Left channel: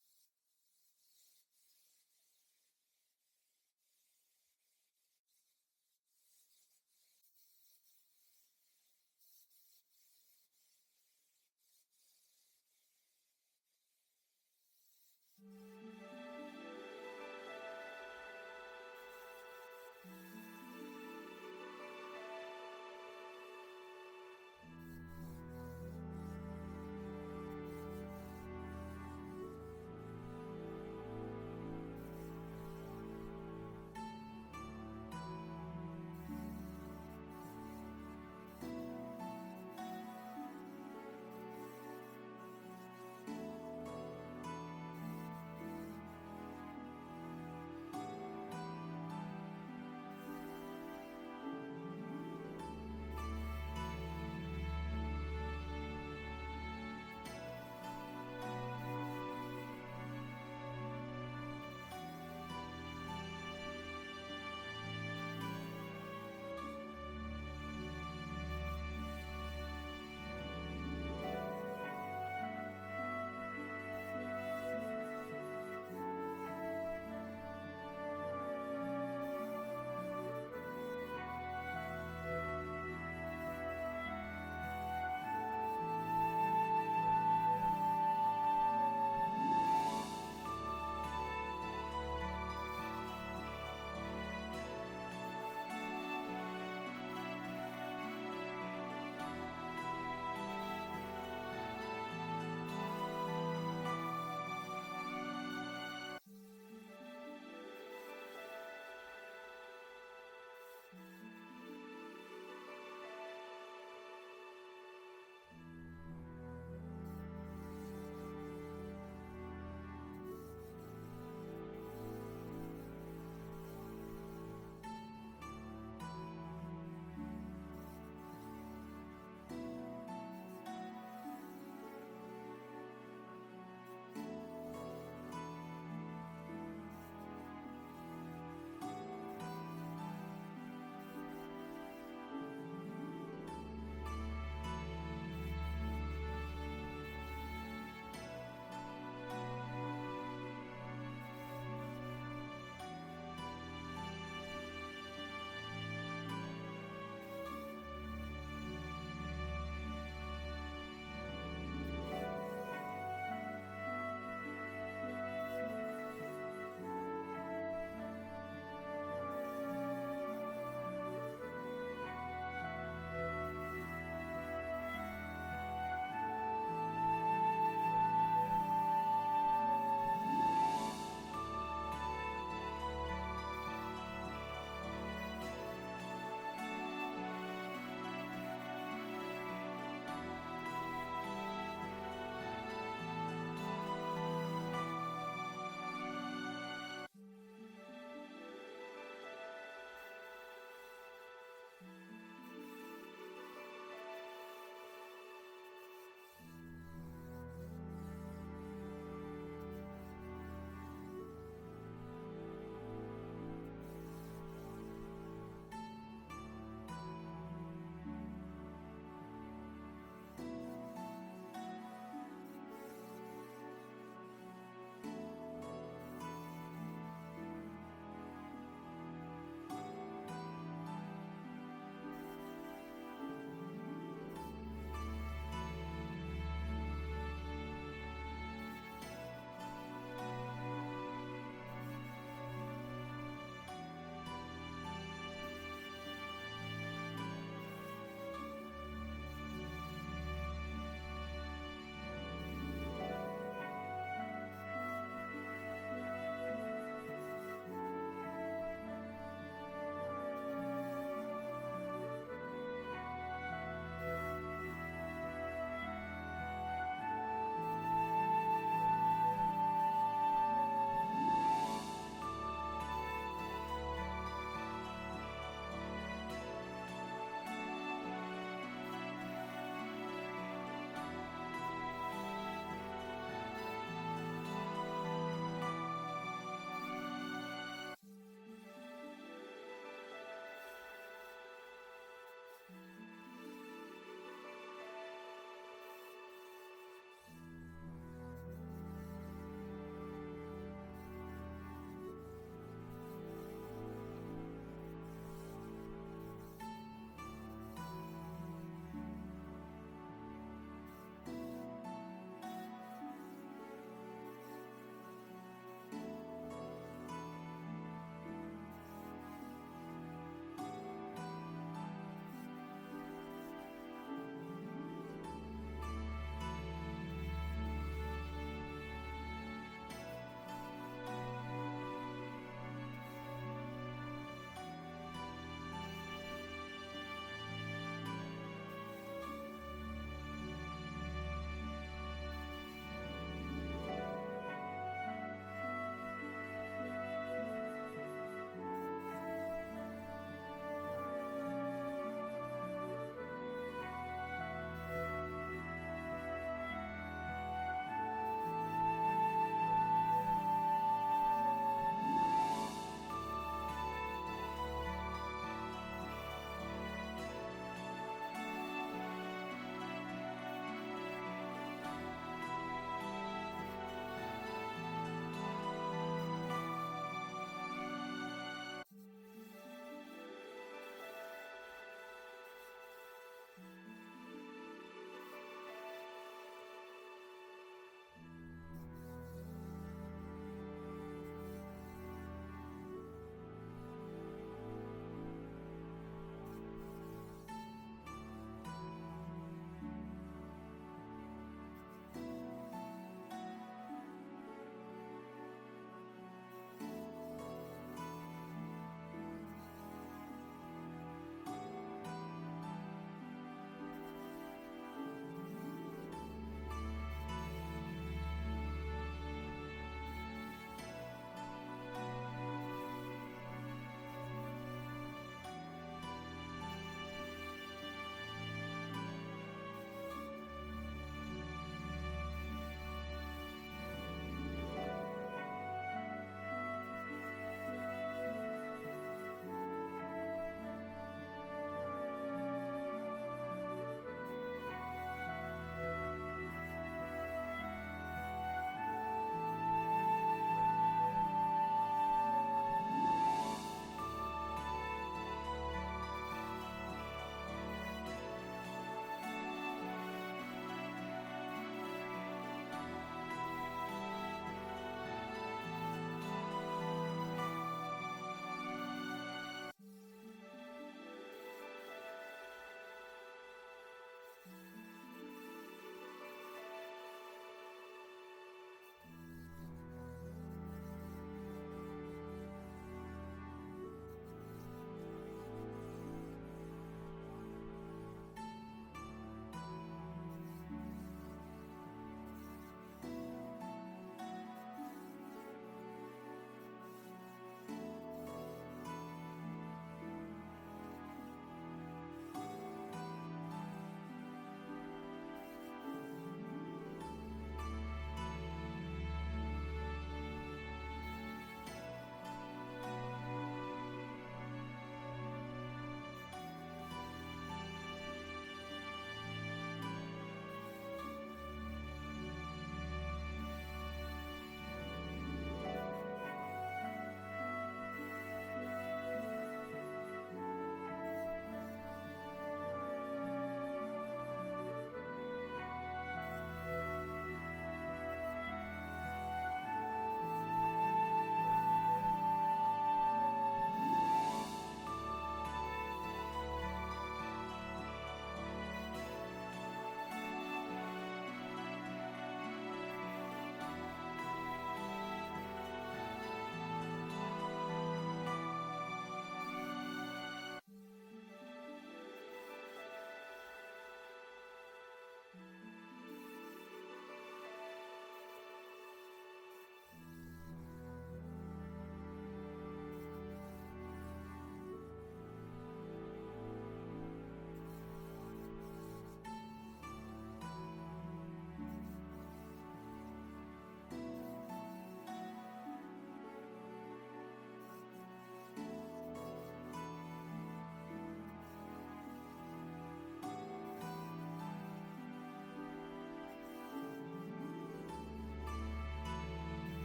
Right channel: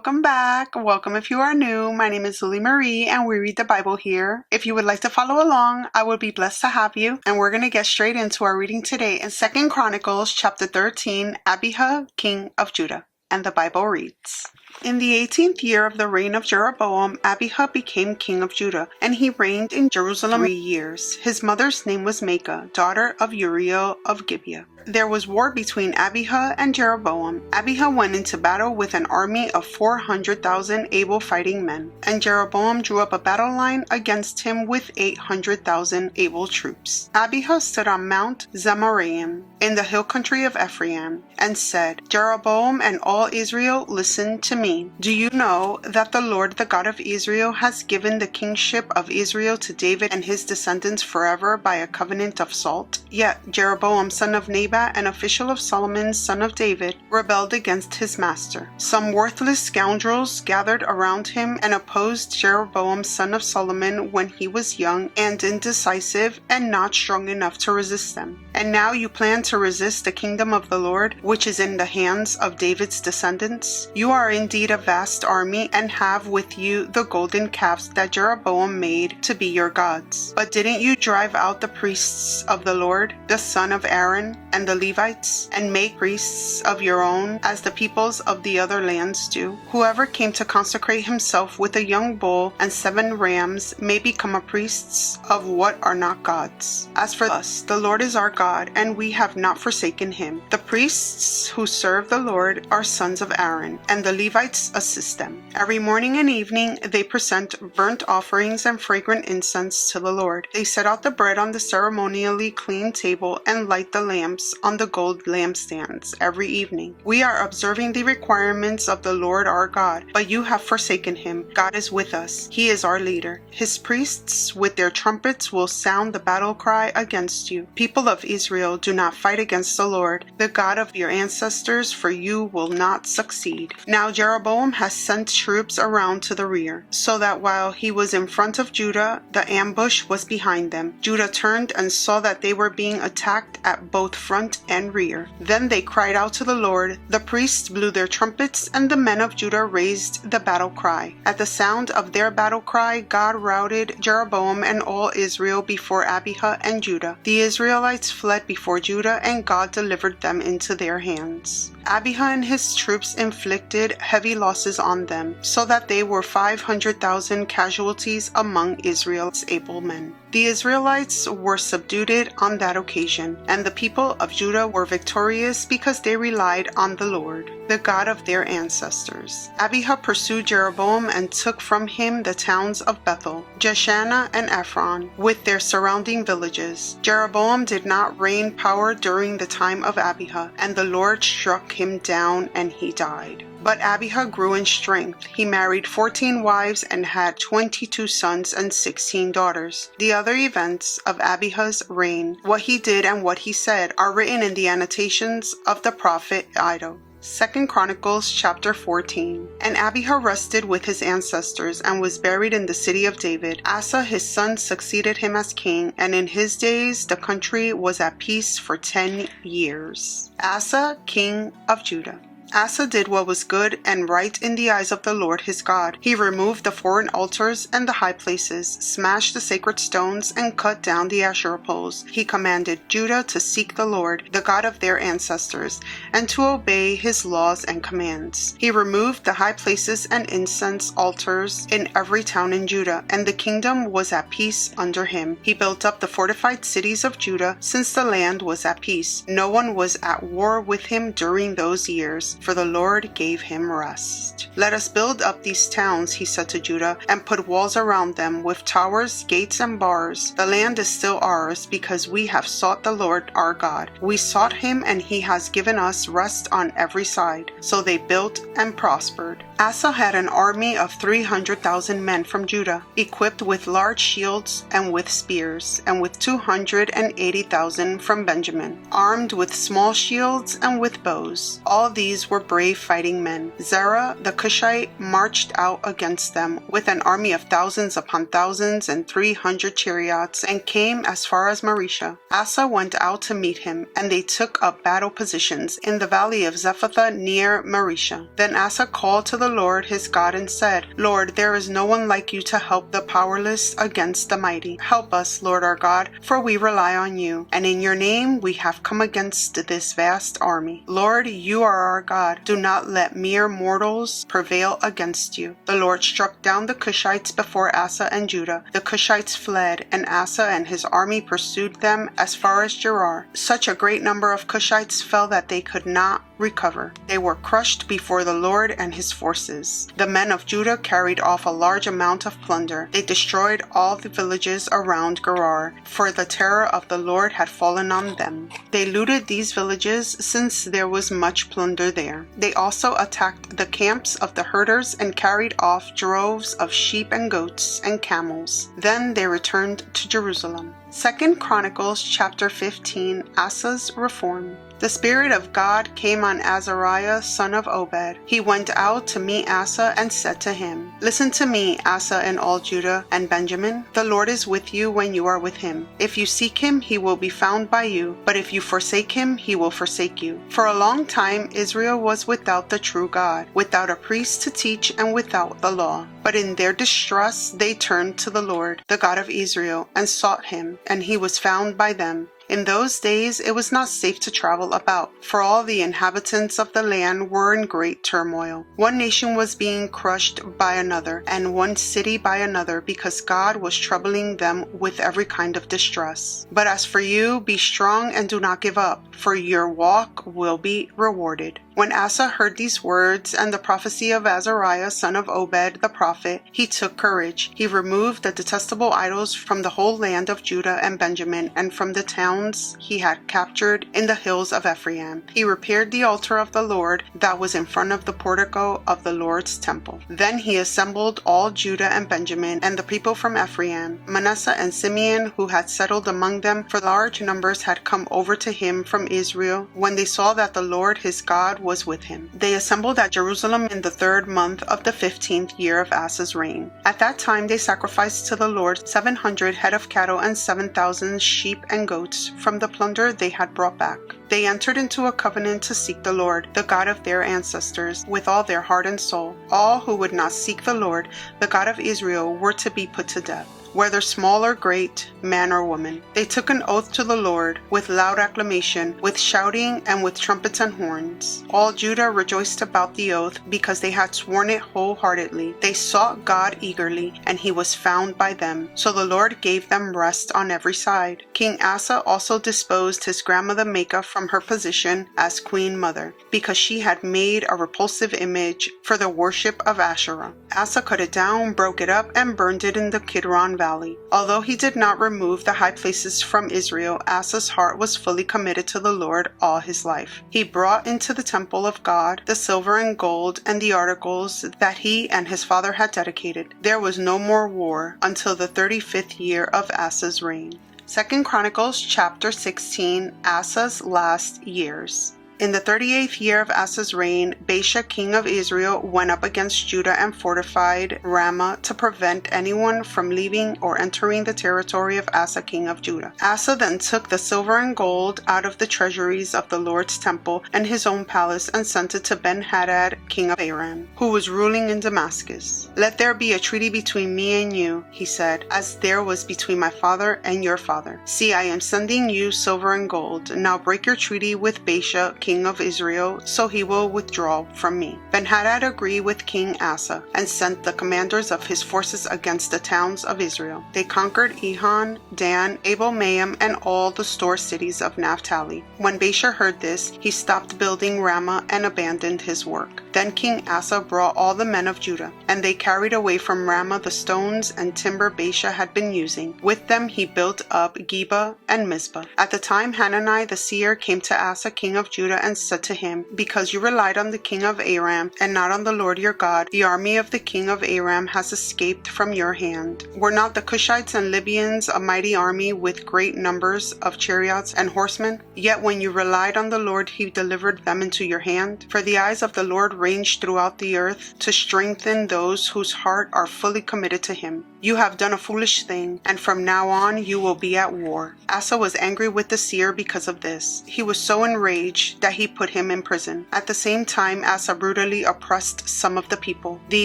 welcome back. Welcome if you are new. My name is Lily Marie and we read the Bible here. If you would like to follow along, I would be blessed to have you. And we're going to get straight into our reading today in 2 Chronicles chapter 13, Abijah, king of Judah. And the Bible reads, In the 18th year of the reign of Jeroboam, Abijah became king of Judah, and he reigned in Jerusalem 3 years. His mother's name was Maacah, daughter of Uriel of Gibeah. There was war between Abijah and Jeroboam. Abijah went into battle with an army of 400,000 able fighting men, and Jeroboam drew up a battle line against him with 800,000 able troops. Abijah stood on Mount Zemaraim in the hill country of Ephraim, and said, Jeroboam and all Israel, listen to me. Do you know that the Lord, the God of Israel, has given the kingship of Israel to David and his descendants forever by a covenant of salt? Yet Jeroboam, son of Nebat, an official of Solomon, son of David, rebelled against his master. Some worthless scoundrels gathered around him and opposed Jeroboam, son of Solomon, when he was young and indecisive and not strong enough to resist them. And now you plan to resist the kingdom of the Lord, which is in the hands of David's descendants? You are indeed a vast army and have with you the golden calves that Jeroboam made to be your gods. But didn't you drive out the priests of the Lord, the son of Aaron, and the Levites, and make priests of your own, as the peoples of the other lands do? Whoever came to consecrate himself with a young bull and 7 rams may become a priests of what are not gods. As for us, the Lord is our God, and we have not forsaken him. The priests who serve the Lord are sons of Aaron, and the Levites assist them. Every morning and evening they present burnt offerings and fragrant incense to the Lord. They set out the bread on the ceremonially clean table and light the lamps on the gold lampstands every evening. We are observing the requirements of the Lord our God, but you have forsaken him. God is with us. He is our leader. His priests with their trumpets will sound the battle cry against you. People of Israel, do not fight against the Lord, the God of your ancestors, for you will not succeed. Now Jeroboam has sent troops around to the rear, so that while he was in front of Judah, the ambush was behind them. Judah turned and saw that they were being attacked at both front and rear. Then they cried out to the Lord. The priests blew their trumpets, and the men of Judah raised the battle cry. At the sound of their battle cry, God routed Jeroboam and all Israel before Abijah and Judah. The Israelites fled before Judah, and God delivered them into their hands. Abijah and his troops inflicted heavy losses on them, so that they were 500,000 casualties among Israel's able men. The Israelites were subdued on that occasion, and the people of Judah were victorious because they relied on the Lord, the God of their ancestors. Abijah pursued Jeroboam and took from him the towns of Bethel, Jeshanah, and Ephron, with their surrounding villages. Jeroboam did not reign power during the time of Abijah, and the Lord struck him down and he died. But Abijah grew in strength. He married 14 wives and had 22 sons and 16 daughters. The other events of Abijah's reign, what he did and what he said, are written in the annotations of the prophet Iddo. 2 Chronicles chapter 14. And Abijah rested with his ancestors and was buried in the city of David. Asa his son succeeded him as king, and in his days the country was at peace for 10 years. Asa, king of Judah. Asa did what was good and right in the eyes of the Lord his God. He removed the foreign altars and the high places, smashed the sacred stones, and cut down the Asherah poles. He commanded Judah to seek the Lord, the God of their ancestors, and to obey his laws and commands. He removed the high places and incense altars in every town in Judah, and the kingdom was at peace under him. He built up the fortified cities of Judah, since the land was at peace. No one was at war with him during those years, for the Lord gave him rest. Let us build up these towns, he said to Judah, and put walls around them with towers, gates, and bars. The land is still ours because we have sought the Lord our God. We sought him, and he has given us rest on every side. So they built and prospered. Asa had an army of 300,000 men from Judah, equipped with large shields and with spears, and with 280,000 from Benjamin, armed with small shields and with bows. All these these were brave fighting men. Zerah the Cushite marched out against them with an army of thousands upon thousands and 300 chariots, and came as far as Marisha. Asa went out to meet him, and they took up battle positions in the valley of Zephathah near Marisha. Then Asa called to the Lord his God and said, Lord, there is no one like you to help the powerless against the mighty. Help us, Lord our God, for we rely on you, and in your name we have come against this vast army. Lord, you are our God. Do not let mere mortals prevail against you. The Lord struck down the Cushites before Asa and Judah. The Cushites fled, and Asa and his army pursued them as far as Gerar. Such a great number of Cushites fell that they could not recover. They were crushed before the Lord and his forces. The men of Judah carried off a large amount of plunder. They destroyed all the villages around Gerar, for the terror of the Lord had fallen on them. They looted these villages since there was much plunder there. They also attacked the camps of the herders and carried off droves of sheep and goats and camels. Then they returned to Jerusalem. 2 Chronicles chapter 15, Asa's reform. The Spirit of God came on Azariah, son of Obed. He went out to meet Asa and said to him, Listen to me, Asa and all Judah and Benjamin. The Lord is with you when you are with him. If you seek him, he will be found by you. But if you forsake him, he will forsake you. For a long time Israel was without the true God, without a priest to teach and without the law. But in their distress they turned to the Lord, the God of Israel, and sought him, and he was found by them. In those days it was not safe to travel about, for all the inhabitants of the land were in great turmoil. One nation was being crushed by another, and one city by another, because God was troubling them with every kind of distress. But as for you, be strong and do not give up, for your walk will be rewarded. When Asa heard these words and the prophecy of Azariah, son of Obed the prophet, he took courage. He removed the detestable idols from the whole land of Judah and Benjamin, and from the towns he had captured in the hills of Ephraim. He repaired the altar of the Lord that was in front of the portico of the Lord's temple. Then he assembled all Judah and Benjamin, and the people from Ephraim, Manasseh and Simeon, who had settled among them, for large numbers had come over to him from Israel, when they saw that the Lord his God was with him. They assembled at Jerusalem in the 3rd month of the 15th year of Asa's reign. At that time they sacrificed to the Lord 700 head of cattle and 7,000 sheep and goats from the plunder they had brought back. They entered into a covenant to seek the Lord, the God of their ancestors, with all their heart and soul. All who would not seek the Lord, the God of Israel, were to be put to death, whether small or great, man or woman. They took an oath to the Lord with loud acclamation, with shouting, and with trumpets and horns. All Judah rejoiced about the oath, because they had sworn it wholeheartedly. They sought God eagerly, and he was found by them. So the Lord gave them rest on every side. King Asa also disposed his grandmother Maacah from her position as queen mother, because she had made a repulsive image for the worship of Asherah. Asa cut it down, broke it up, and burned it in the Kidron Valley. Although he did not remove the high places from Israel, Asa's heart was fully committed to the Lord all his life. He brought into the temple of God the silver and gold and the articles that he and his father had dedicated. There was no more war until the 35th year of Asa's reign. 2 Chronicles chapter 16, Asa's last years. In the 38th year of Asa's reign, Baasha king of Israel went up against Judah and fortified Ramah to prevent anyone from leaving or entering the territory of Asa king of Judah. Asa then took the silver and gold out of the treasuries of the Lord's temple and his own palace and sent it to Ben-Hadad king of Aram, who was ruling in Damascus. Let there be a treaty between me and you, he said, as there was between my father and your father. See, I am sending you silver and gold. Now break your treaty with Baasha king of Israel, so he will withdraw from me. Ben-Hadad agreed with King Asa and sent the commanders of his forces against the towns of Israel. They conquered Ehon, Dan, Abel-Maim, and all the store cities of Naphtali. When Baasha heard this, he stopped building Ramah and abandoned his work. Then King Asa brought all the men of Judah, and they carried away from Ramah the stones and timber Baasha had been using. With them he built up Geba and Mizpah. At the time Hanani the seer came to Asa king of Judah and said to him, "Because you relied on the king of Aram and not on the Lord your God, the army of the king of Aram has escaped from your hand. Were not the Cushites and Libyans a mighty army with great numbers of chariots and horsemen? Yet when you relied on the Lord, he delivered them into your hand. For the eyes of the Lord range throughout the earth to strengthen those whose heart are fully committed to him. You have done a foolish thing, and from now on you will be at war." Asa was angry with the seer because of this. He was so enraged that he put him in prison. At the same time, Asa brutally oppressed some of the people. The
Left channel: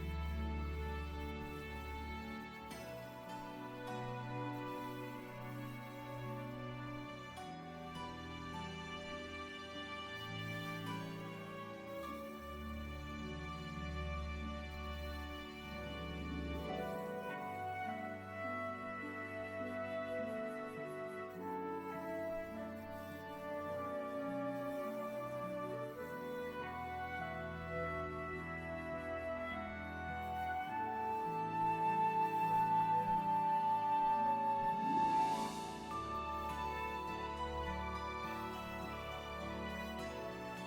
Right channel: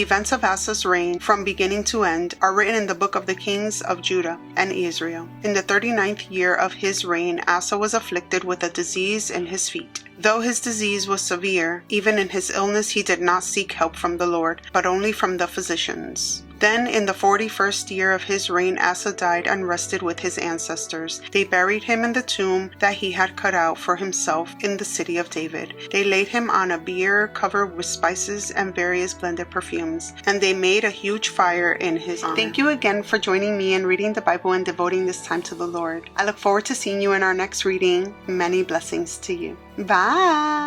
events of Asa's reign, from beginning to end, are written in the book of the kings of Judah and Israel. In the 39th year of his reign, Asa was afflicted with a disease in his feet. Though his disease was severe, even in his illness he did not seek help from the Lord, but only from the physicians. Then in the 41st year of his reign, Asa died and rested with his ancestors. They buried him in the tomb that he had cut out for himself in the city of David. They laid him on a bier covered with spices and various blended perfumes, and they made a huge fire in his honor. Thank you again for joining me in reading the Bible and devoting this time to the Lord. I look forward to seeing you in our next reading. Many blessings to you. Bye!